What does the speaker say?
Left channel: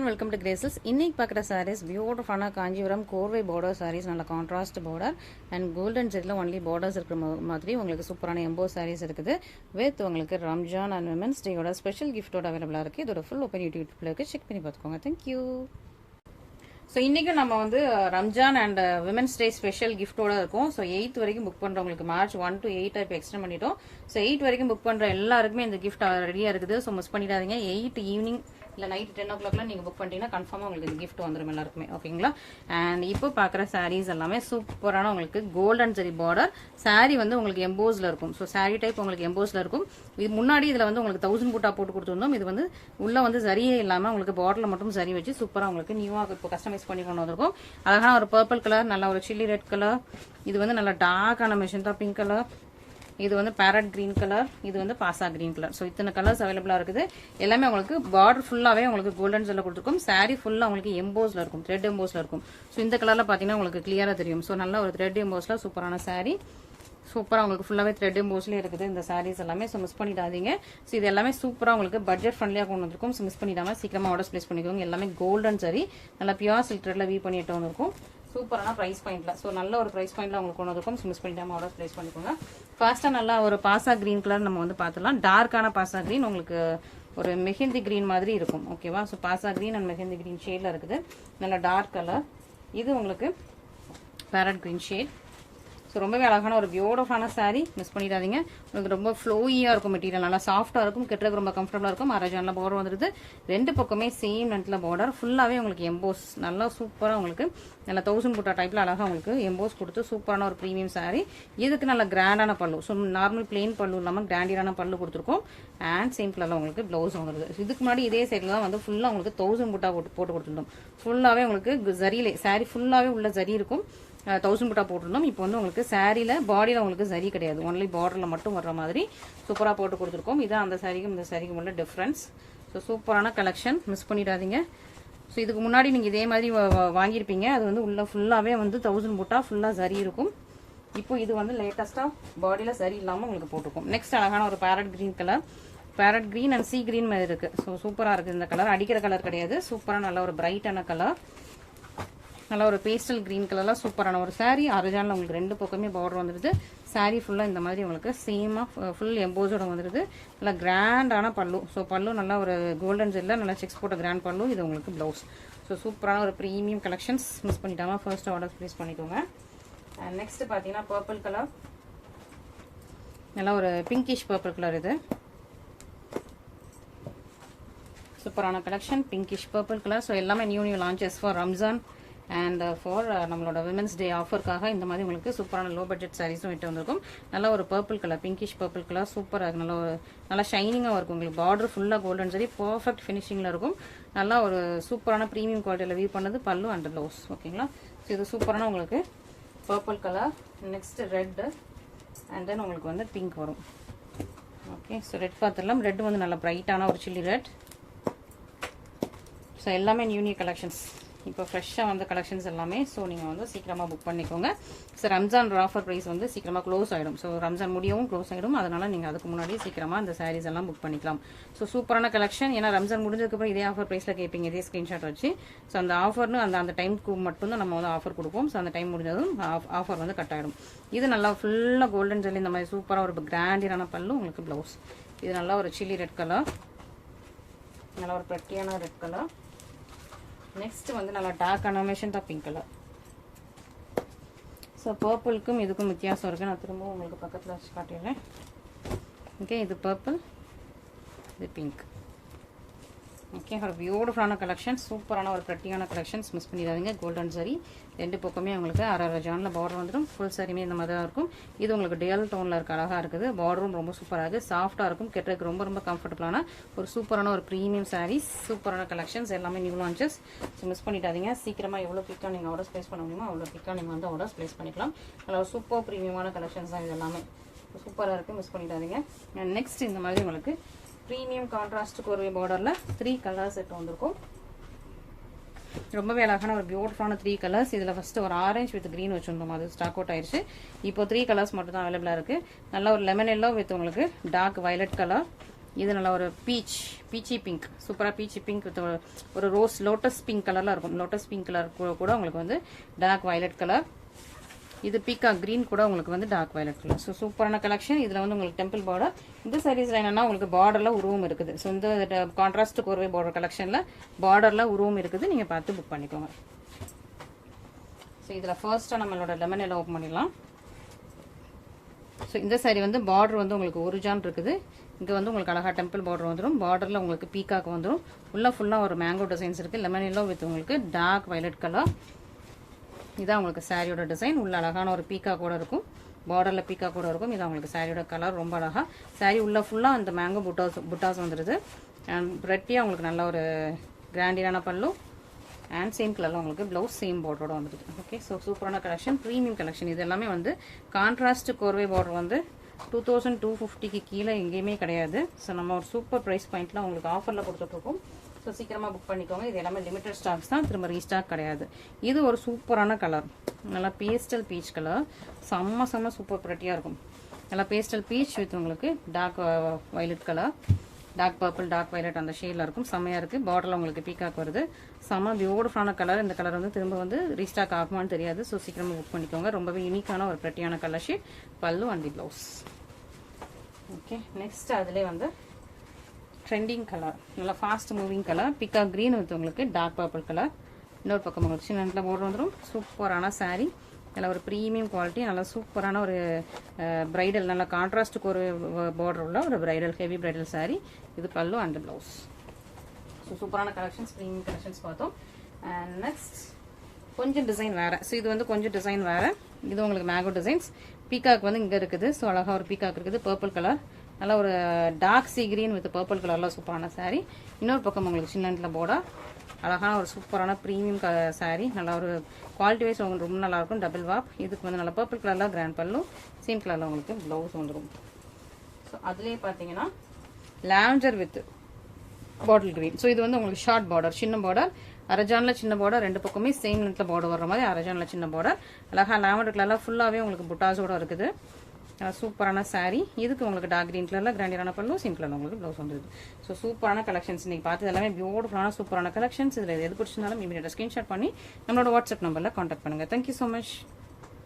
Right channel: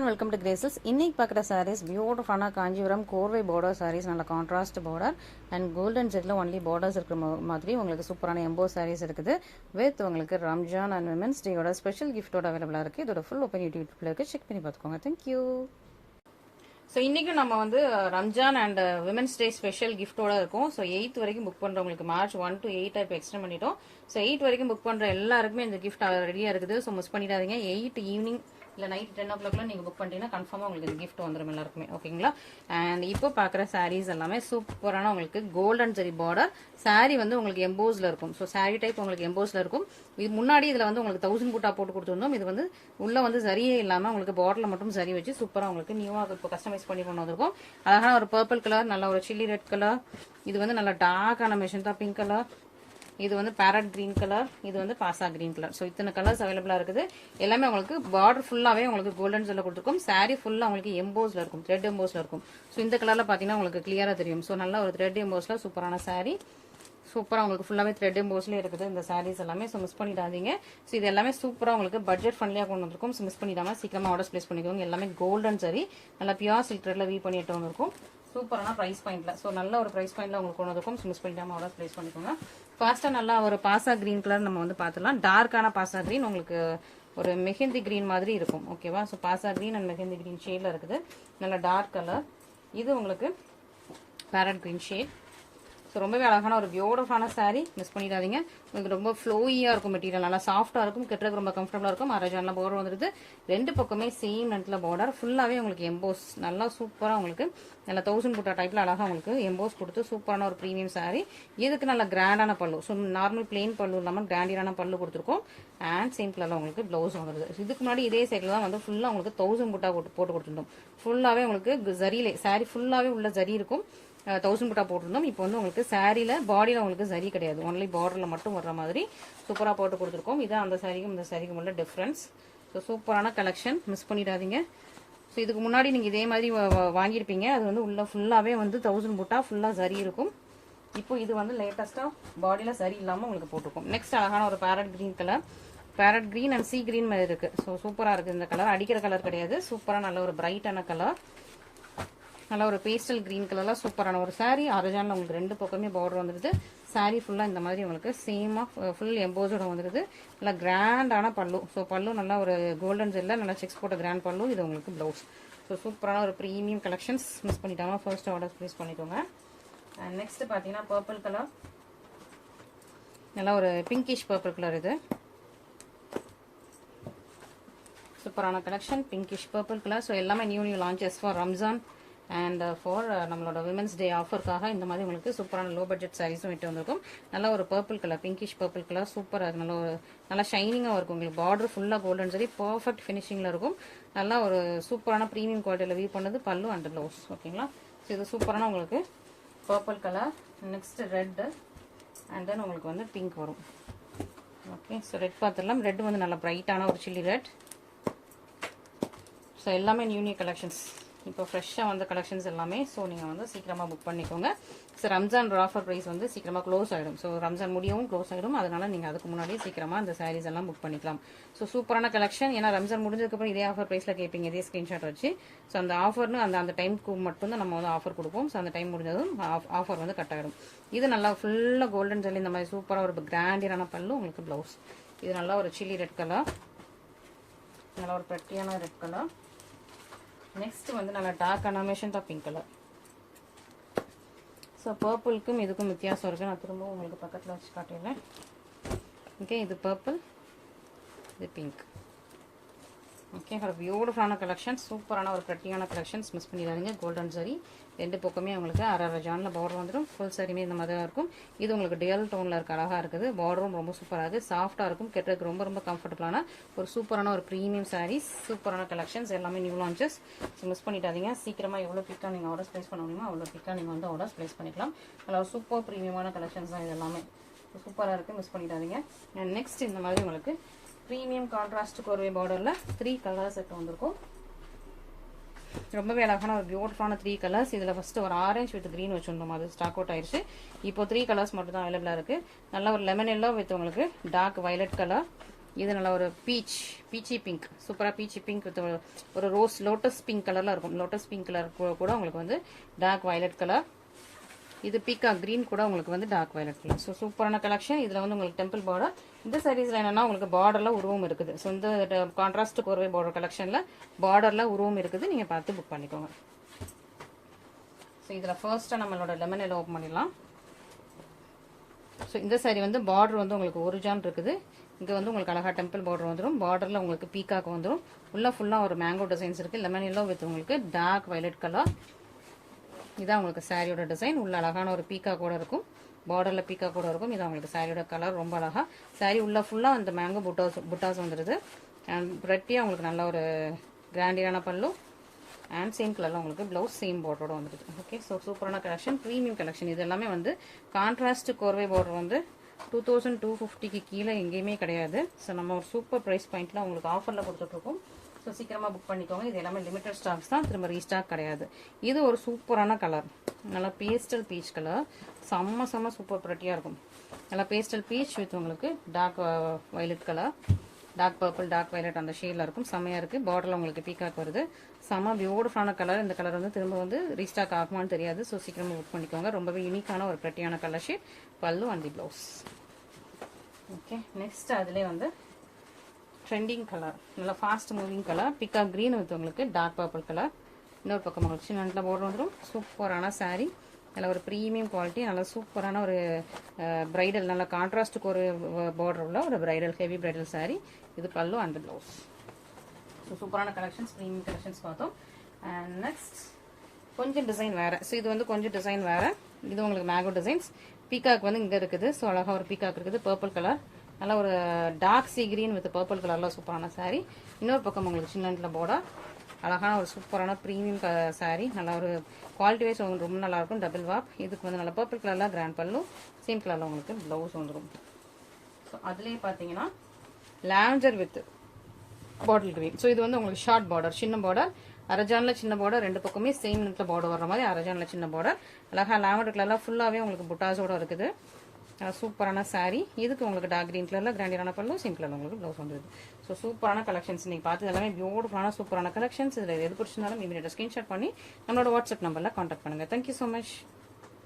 And welcome to Graces இன்னைக்கு பார்க்குற சாரீஸ் பியூட்டிஃபுல்லான காஞ்சிபுரம் கோர்வை பார்டர் சாரீஸ் நல்ல கான்ட்ராஸ்ட் பார்டர் அண்ட் கோல்டன் செட்டில் ஒன்லி பார்டர்ஸ் இருக்கிற மாதிரி உங்களுக்கு சூப்பரான எம்போ சாரீஸ் இருக்குது. வித் உங்களுக்கு ரம்ஜான் அண்ட் விமன்ஸ் டேயோட ஸ்பெஷல் கிஃப்ட்டோட அவைலபிளாக இருக்குது இதோட ஃபுல் ஓப்பன் யூடியூப்ல இருக்குது செக் பண்ணி பார்த்துக்கோங்க. தேங்க்யூ ஸோ இன்றைக்கும் நம்ம வந்து Ramzan and women's day special கிஃப்ட்டோட இருக்கும். ஸோ எயித் வரைக்கும் புக் பண்ணுறவங்களுக்கு மார்ச் ஒன் டு எயிட் இப்போ எக்ஸ்டெண்ட் பண்ணிட்டோம். ஸோ எயிட் வரைக்கும் புக் பண்ணுற எல்லாருக்குமே இந்த கிஃப்ட் ரெடியாக uh, இருக்குது. ஸோ மிஸ் பண்ணிடாதீங்க. எயிட் ஈவினிங் இல்லை நைட் டென் ஓ கிளாக்லாம் நீங்கள் புக் பண்ணிட்டீங்கன்னா கன்ஃபார்மாக உங்களுக்கு கிஃப்ட் வந்துடும் எல்லாருக்குமே. ஓகேங்களா அண்ட் இப்போ பார்க்குற சாரீஸ் எல்லாமே சூப்பரான உங்களுக்கு கோல்டன் ஜரி பார்டர் சாரீ வந்து உங்களுக்கு எம்போஸில் இருக்கும். ஸோ சாரீ டைப் உங்களுக்கு எம்போஸில் இருக்கும். இது முன்னாடி இதில் வந்து உங்களுக்கு தௌசண்ட் கூட்டா போட்டு கொடுத்துருந்தோம். இது வந்து உள்ளே வந்து சரியே இல்லாமல் உங்களுக்கு பார்டரில் மட்டும் சரி வச்சு சூப்பராக உங்களுக்கு நியூவாக இப்போ கஸ்டமைஸ் பண்ணி கொண்டு வந்திருக்கும். அழகான ஒரு பர்பிள் கலர் நல்ல ஒரு சில்லி ரெட் கலர் இது வந்து நல்ல டார்க்கான மெஷின்தா பிங்க் கலர் இது வந்து பேரட் கிரீன் கலர் இது வந்து பாசா கிரீன் கலர் ஸோ இத்தனை கலர்ஸ் அவைலபிளாக இருக்குது. எல்லாமே உங்களுக்கு பார்டர் ஃபுல்லாகவே உங்களுக்கு கோல்டன் செல்ல கொடுத்துருக்கும். சாரீ ஃபுல்லாக உங்களுக்கு எம்போஸ்ல இருக்கும் த்ரெட் எம்போஸ்ல இருக்கும். ஸோ இந்த கலரில் பார்த்தீங்கன்னா உங்களுக்கு கிளியராக தெரியும். ஸோ நல்ல ஒரு த்ரெட் எம்போஸில் சூப்பரான saree. சூப்பராக உங்களுக்கு ஃபுல்லாகவே த்ரெட் எம்போஸ்லேயே இருக்குது இந்த சாரீஸ் எல்லாமே. ஸோ மிஸ் பண்ணிடாதீங்க. ஸோ இது எல்லாமே சூப்பராக உங்களுக்கு பட்ஜெட் ஃப்ரெண்ட்லியாக கொண்டு வந்திருக்கும். ஸோ மிஸ் பண்ணிடாம சீக்கிரமாக ஆர்டர்ஸ் ப்ளேஸ் பண்ணிக்கோங்க. எல்லாமே கோல்டன் சரி நல்லா பியூர் சில்க் த்ரெட்ல வீ பண்ணிட்டு வந்திருக்கும். சூப்பரான ப்ரைஸ் பாயிண்ட்ல ஸோ நல்ல ஒரு ப்ரைஸ் பாயிண்ட்ல உங்களுக்கு கொண்டு வந்திருக்கும். ஸோ மிஸ் பண்ணிடாமல் ஆர்டர்ஸ் ப்ளேஸ் பண்ணிக்கோங்க. ஃபர்ஸ்ட்டாக நல்லா ஒரு பாசா கிரீன் கலர் நம்ம வந்து பார்த்துலாம் டார்க்கான பாசா க்ரீன் உங்களுக்கு ஒரு மெஹந்தி க்ரீன் மாதிரி இருக்கும். ஓகேவா so Bhasa green and mehndi green ஷேடில் இருக்குது. நல்ல டார்க் கலர் இது உங்களுக்கு பேரட் க்ரீன் ஷேட் ஸோ ரொம்பவே அழகான ஒரு பியூட்டிஃபான saree. மிஸ் பண்ணிடாதீங்க. உங்களுக்கு ரொம்ப ஃப்ளோயியாக இருக்கும் மெட்டீரியல் நல்லா சாஃப்டாக இருக்கும். கெட்டுறதுக்கு ரொம்ப கம்ஃபர்டபுளாக இருக்கும். அரஜானில் பார்டர் வந்துருது. ரெண்டு பக்கமே சேம் நெட்டில் பார்டர் ஃபுல்லாகவே உங்களுக்கு எம்போஸ் நல்லா சூப்பராக உங்களுக்கு நல்ல தௌசண்ட் புட்டா டைப்பில் அழகாக உங்களுக்கு எம்போஸ் கொடுத்து சூப்பரான ஒரு ப்ரீமியம் saree. இதுக்கு நல்ல கிராண்டான பல்லு? ஸோ நார்மல் பிளெயின் பல்லு இல்லாமல் கிராண்டியரான பல்லு கொடுத்துருக்கோம். அண்ட் சேம் கலரில் உங்களுக்கு ப்ளவுஸ் வந்துருது. இதுக்கு முன்னாடி இதே சைடில் தான் வந்து ஃபுல்லாக உங்களுக்கு தௌசண்ட் போட்டா போட்டு போட்டு கொடுத்துருந்தோம். ஃபுல்லாகவே உங்களுக்கு ஜரியிலே saree ஃபுல்லாகவே உள்ள ஜரி இருக்கும். தௌசண்ட் புட்டா போட்டிருந்தோம். இப்போ வந்து உங்களுக்கு சாரியில் பாடியில் உங்களுக்கு சரி கிடையாது. ஒன்லி பார்டரில் மட்டும் வர்ற மாதிரி சூப்பராக போட்டு கொடுத்துருக்கோம். இதுதான் அந்த சாரிக்கும் இந்த சாரிக்கும் உள்ள டிஃப்ரென்ஸ் ஸோ சூப்பரான கலெக்ஷன் மிஸ் பண்ணிடாதீங்க. ஸோ இதுக்கு முன்னாடி நீங்கள் இதே மாதிரி வாங்கியிருப்பீங்க. அது வந்து உள்ள ஃபுல்லாகவே வந்து தௌசண்ட் புட்டா ஃபுல்லாக சரி இருக்கும். இப்போ இது வந்து லேட்டஸ்ட்டாக பாடியில் சரி இல்லாமல் உங்களுக்கு போட்டிருக்கும். நெக்ஸ்ட் அழகான ஒரு parrot green colour parrot green and sea green மாதிரி இருக்குது ஸோ சூப்பராக இருக்குது இந்த கலர் அடிக்கிற கலர் கிடையாது. சூப்பராக நல்ல ஒரு பிரைட்டான கலர் நல்லா ஒரு பேஸ்டல் கிரீன் கலரில் சூப்பரான ஒரு சாரீ அரஜானில் உங்களுக்கு ரெண்டு பக்கமே பார்டர் வந்துடுது சாரீ ஃபுல்லாக இந்த மாதிரி உங்களுக்கு சேமாக ஃபுல் எம்போஸோட வந்துடுது நல்லா கிராண்டான பல்லு. ஸோ பல்லு நல்லா ஒரு கோல்டன் ஜெல்ல நல்லா செக்ஸ் போட்ட கிராண்ட் பல்லு. இது உங்களுக்கு ப்ளவுஸ் ஸோ சூப்பரான ஒரு ப்ரீமியம் கலெக்ஷன்ஸ் மிஸ் பண்ணிட்டாங்க. ஃபர்ஸ்ட் ஆர்டர் ப்ளேஸ் பண்ணிக்கோங்க. அண்ட் நெக்ஸ்ட் பார்த்தீங்கன்னா பர்பிள் கலர் நல்லா ஒரு பிங்கிஷ் பர்பிள் கலர் இது. சூப்பரான collection pinkish purple colour so எல்லாமே new new launches for Ramzan and for uh, uh, நம்மளோட விமன்ஸ் டே ஆஃபருக்காக இந்த மாதிரி உங்களுக்கு சூப்பரான லோ பட்ஜெட் சாரீஸும் விட்டு வந்திருக்கும். நல்லா ஒரு purple colour pinkish purple colour சூப்பராக இருக்கும் நல்ல ஒரு நல்லா ஷைனிங்காக இருக்கும் உங்களுக்கு. பார்டர் ஃபுல்லாக கோல்டன் சரி பர்ஃபெக்ட் ஃபினிஷிங்கில் இருக்கும். நல்லா ஒரு சூப்பரான ப்ரீமியம் குவாலிட்டியில் வியூ பண்ணது பல்லு அண்ட் ப்ளவுஸ் ஓகேங்களா ஸோ இது சூப்பரான உங்களுக்கு purple colour next red and then உங்களுக்கு வந்து பிங்க் வரும். ஓகே ஸோ ரெட் பார்த்துடலாம். ரெட் வந்து நல்லா பிரைட்டான ஒரு சில்லி ரெட் ஸோ எல்லாமே நியூ நியூ கலெக்ஷன்ஸ் இப்போ ஃப்ரெஷ்ஷாக வந்த கலெக்ஷன்ஸ் எல்லாமே. ஸோ நீங்கள் வந்து சீக்கிரமாக புக் பண்ணிக்கோங்க. ஸோ ரம்ஜான் ஆஃபர் ப்ரைஸ் வந்து சீக்கிரமாக க்ளோஸ் ஆகிடும் ஸோ ரம்ஜான் முடியவும் க்ளோஸ் ஆகிடும் அதனால் நீங்கள் அதுக்கு முன்னாடி சீக்கிரமாக இந்த சாரீஸ் எல்லாம் புக் பண்ணிக்கலாம். ஸோ சூப்பரான கலெக்ஷன் ஏன்னா ரம்ஜான் முடிஞ்சதுக்கப்புறம் இதே ஆஃபர் ப்ரைஸில் கேட்பீங்க இதே ஸ்க்ரீன்ஷாட் வச்சு. ஸோ அந்த ஆஃபர்னு அந்த அந்த டைமுக்கு மட்டும்தான் நம்ம வந்து ஆஃபர் கொடுப்போம். ஸோ அந்த டைம் முடிஞ்சதும் ஆஃபர் வந்து கட் ஆகிடும் இது நல்லா ஃபுல்லாக கோல்டன் ஜெல்லி இந்த மாதிரி சூப்பராக ஒரு கிராண்டியரான பல்லு உங்களுக்கு ப்ளவுஸ் இது நல்லா ஒரு சில்லி ரெட் கலர் நல்லா ஒரு பிரட்டியான ரெட் கலர் நெக்ஸ்ட் வந்து நல்லா டார்க்கான மெஷன்டா பிங்க் கலர் ஸோ பர்பிளுக்கும் இதுக்கும் வித்தியாசம் இருக்குது நான் திரும்பவும் உங்களுக்கு பக்கத்தில் வச்சு காட்டிடுறேன். ஓகே இது பர்பிள் இது பிங்க் ஓகே ஒரு பியூட்டிஃபுல்லான கலெக்ஷன் சூப்பரான ஒரு பிரட்டியான கலெக்ஷன்ஸ் மிஸ் பண்ணிடாதீங்க. கோல்டன் சரி ரெண்டு பக்கமே உங்களுக்கு அரை அரை ஜானில் பார்டர் வந்துடும் ஃபுல் சாரியுமே இந்த மாதிரி தான் இருக்கும். இது உங்களுக்கு டேல் டோனில் இருக்க அழகாக இருக்குது. பார்டரும் ரொம்ப சூப்பராக இருக்குது சாஃப்டாக இருக்கும். கெட்டதுக்கு ரொம்ப ரொம்ப கம்ஃபர்டபுளான ஒரு சூப்பரான ஒரு ப்ரீமியம் சாரீஸ் சூப்பரான கலெக்ஷன்ஸ் எல்லாமே நியூ லான்ச்சஸ் ஸோ மிஸ் பண்ணிட்டாதீங்க சீக்கிரமாக எவ்வளோ பிக்காக நீங்கள் ஆர்டர்ஸ் ப்ளேஸ் பண்ண முடியுமோ அவ்வளோ பிக்காக நீங்கள் வந்து ஆர்டர்ஸ் ப்ளேஸ் பண்ணிக்கலாம். நல்லா சூப்பர் ப்ரீமியமான கலெக்ஷன்ஸ் தான் இது எல்லாமே. சூப்பராக இருக்குது மிஸ் பண்ணிடாதீங்க. நெக்ஸ்ட் இந்த மாதிரி உங்களுக்கு ப்ரீமியம் கான்ட்ராஸ்ட் கோர்வே பார்டரில் த்ரீ கலர்ஸ் இப்போ வந்திருக்கும். ரொம்பவே அழகான ஒரு பியூட்டிஃபுல்லான த்ரீ கலர்ஸ் இதில் ஃபஸ்ட்டு ஒரு ஆரஞ்சு வித் க்ரீன் வச்சுருந்தோம். அது ஸ்டாக் அவுட் ஆயிடுச்சு இப்போ த்ரீ கலர்ஸ் மட்டும் தான் அவைலபிளாக இருக்குது நல்ல ஒரு லெமன் எல்லோ வித் உங்களுக்கு டார்க் வயலட் கலர் இது நல்லா ஒரு பீச் பீச்சி பிங்க் சூப்பராக பீச்சி பிங்க் ஒரு ரோஸ் லோட்டஸ் பிங்க் கலரில் இருக்கும். லோட்டஸ் பிங்க் கலர் கூட உங்களுக்கு வந்து டார்க் வயலட் கலர் இது பீக்கா கிரீன் கூட உங்களுக்கு வந்து டார்க் வயலட் கலர் ஸோ சூப்பரான கலெக்ஷன் இதில் வந்து உங்களுக்கு டெம்பிள் பார்டர் இந்த சாரீஸில் என்னென்னா உங்களுக்கு பார்டரில் உருவம் இருக்குது. ஸோ இந்த கான்ட்ராஸ்ட் கோர்வை பார்டர் கலெக்ஷனில் பார்டரில் உருவம் இருக்குது. நீங்கள் பார்த்து புக் பண்ணிக்கோங்க. ஸோ இதில் ஃபர்ஸ்ட்டாக நம்மளோட லெமன் எல்லாம் ஓப்பன் பண்ணிடலாம். ஸோ இந்த சாரீ வந்து பார்டர் வந்து உங்களுக்கு ஒரு ஜான் இருக்குது. இங்கே வந்து உங்களுக்கு அழகா டெம்பிள் பார்டர் வந்துடும் பார்டரில் உங்களுக்கு பீக்காக்கு வந்துடும் உள்ளே ஃபுல்லாக ஒரு மேங்கோ டிசைன்ஸ் இருக்குது லெமன் எல்லாம் வித் உங்களுக்கு டார்க் வயலட் கலர் இதான் உங்களுக்கு சாரியோட டிசைன் உள்ள அழகான ஒரு பீக்கா கூட இருக்கும். பார்டரில் பீக்கா கூட இருக்கும். இதான் உங்களுக்கு சாரியோட கலர் ரொம்ப அழகாக சாரி உள்ளே ஃபுல்லாக இந்த மேங்கோ புட்டாஸ் புட்டாஸ் வந்துடுது அண்ட் ரெட்டியாக உங்களுக்கு நல்ல ஒரு கிராண்டியான பல்லு. அண்ட் சேம் கலரில் உங்களுக்கு ப்ளவுஸ் சேம் பார்டரோட வந்துடுது ஓகே ஸோ சூப்பரான கலெக்ஷன் ப்ரீமியம் கலெக்ஷன் இது எல்லாமே வந்து கான்ட்ராஸ்ட் கோர்வை பார்டர் வந்து டூ தௌசண்ட் டூ ஃபிஃப்டிக்கு கீழே எங்கேயுமே கிடையாது. ஸோ நம்ம ஒரு சூப்பர் ப்ரைஸ் பாயிண்ட்ல உங்களுக்கு ஆஃபரில் கொடுத்துட்ருக்கோம் ஸோ சீக்கிரமாக புக் பண்ணிக்கோங்க. இது எல்லாமே லிமிடெட் ஸ்டாக்ஸ் தான். திரும்ப ரீஸ்டாக் கிடையாது. இது ஒரு சூப்பரான கலர் நல்லா பேஸ்டல் பீச் கலர் செம்ம செம்ம சூப்பர் ப்ரெட்டியாக இருக்கும். நல்லா பேஸ்டல் பீச் வித் உங்களுக்கு dark violet colour dark purple dark violet அந்த ஷேடில் இருக்கும். செம்மையாக இருக்குது பார்டரில் உங்களுக்கு பீக்காக் வருது. செம்ம பியூட்டிஃபுல்லான கலர் இந்த கலர் வந்து திரும்ப வந்து ரீஸ்டாக் ஆகுமான்னு தெரியாது. ஸோ சீக்கிரமாக புக் பண்ணிக்கோங்க. ரொம்பவே யூனிக்கான ஒரு ப்ரெட்டியான colour shade pallu and the blouse okay next அதிலே வந்து ட்ரெண்டிங் கலர் நல்லா ஃபாஸ்ட் மூவிங் கலர் பிக்கா க்ரீன் வித் உங்களுக்கு டார்க் பர்பிள் கலர் இன்னொரு பக்கம் உங்களுக்கு சின்ன போர்டர் வந்துடும் சூப்பரான saree. நல்ல ஒரு ப்ரீமியம் குவாலிட்டி நல்ல சூப்பரான ஒரு பிரைடல் நல்ல கான்ட்ராஸ்ட்டுக்கு ஒரு பார்டர் உள்ள ஒரு பிரைடல் ஹெவி பிரைடல் saree. இது பல்லு அண்ட் ப்ளவுஸ் ஸோ சூப்பரான கலெக்ஷன்ஸ் ப்ரீமியம் கலெக்ஷன்ஸ் பார்த்தோம். அண்ட் நெக்ஸ்ட் கொஞ்சம் டிசைன் வேறு. ஸோ இது வந்து கொஞ்சம் டிசைன் வேறு. இது உங்களுக்கு மேங்கோ டிசைன்ஸ் பீகாக் வந்து இங்கே இருக்குது. ஸோ அழகாக ஒரு பீகாக் இருக்குது. பர்பிள் கலர் நல்லா ஒரு dark sea green with purple கலரில் சூப்பரான saree. இன்னொரு பக்கம் உங்களுக்கு சின்னண்டில் போர்டா அழகான ஒரு சூப்பரான ப்ரீமியம் க saree. நல்லா ஒரு குவாலிட்டி வைஸ் உங்களுக்கு ரொம்ப நல்லா இருக்கும். டபுள் வாப் இதுக்கு வந்து நல்லா பர்பிள் கலரில் கிராண்ட் பல்லும் சேம் கலரில் உங்களுக்கு ப்ளவுஸ் வந்துடும் ஸோ அதுலேயே பார்த்தீங்கன்னா lavender with bottle green so இது வந்து உங்களுக்கு ஷார்ட் பார்டர் சின்ன பார்டர் அரஜானில் சின்ன பார்டர் ரெண்டு பக்கமே சேம் நெட்டில் பார்டர் வர மாதிரி அரஜானில் சின்ன பார்டர் அழகாக லாவண்டர் கலரில் ஃபுல்லாகவே உங்களுக்கு புட்டாஸோட இருக்குது. சூப்பரான சாரீ இதுக்கு உங்களுக்கு டார்க் க்ரீன் கலரில் கிராண்டியரான பல்லு சிம் கலர் உங்களுக்கு ப்ளவுஸ் வந்துருது. ஸோ சூப்பரான கலெக்ஷன்ஸ் நீங்கள் பார்த்து எல்லாமே பியூட்டிஃபுல்லான சூப்பரான கலெக்ஷன்ஸ் இதில் எது பிடிச்சிருந்தாலும் இமீடியட்டாக ஸ்க்ரீன்ஷாட் பண்ணி நம்மளோட வாட்ஸ்அப் நம்பரில் காண்டாக்ட் பண்ணுங்கள் தேங்க்யூ ஸோ மச்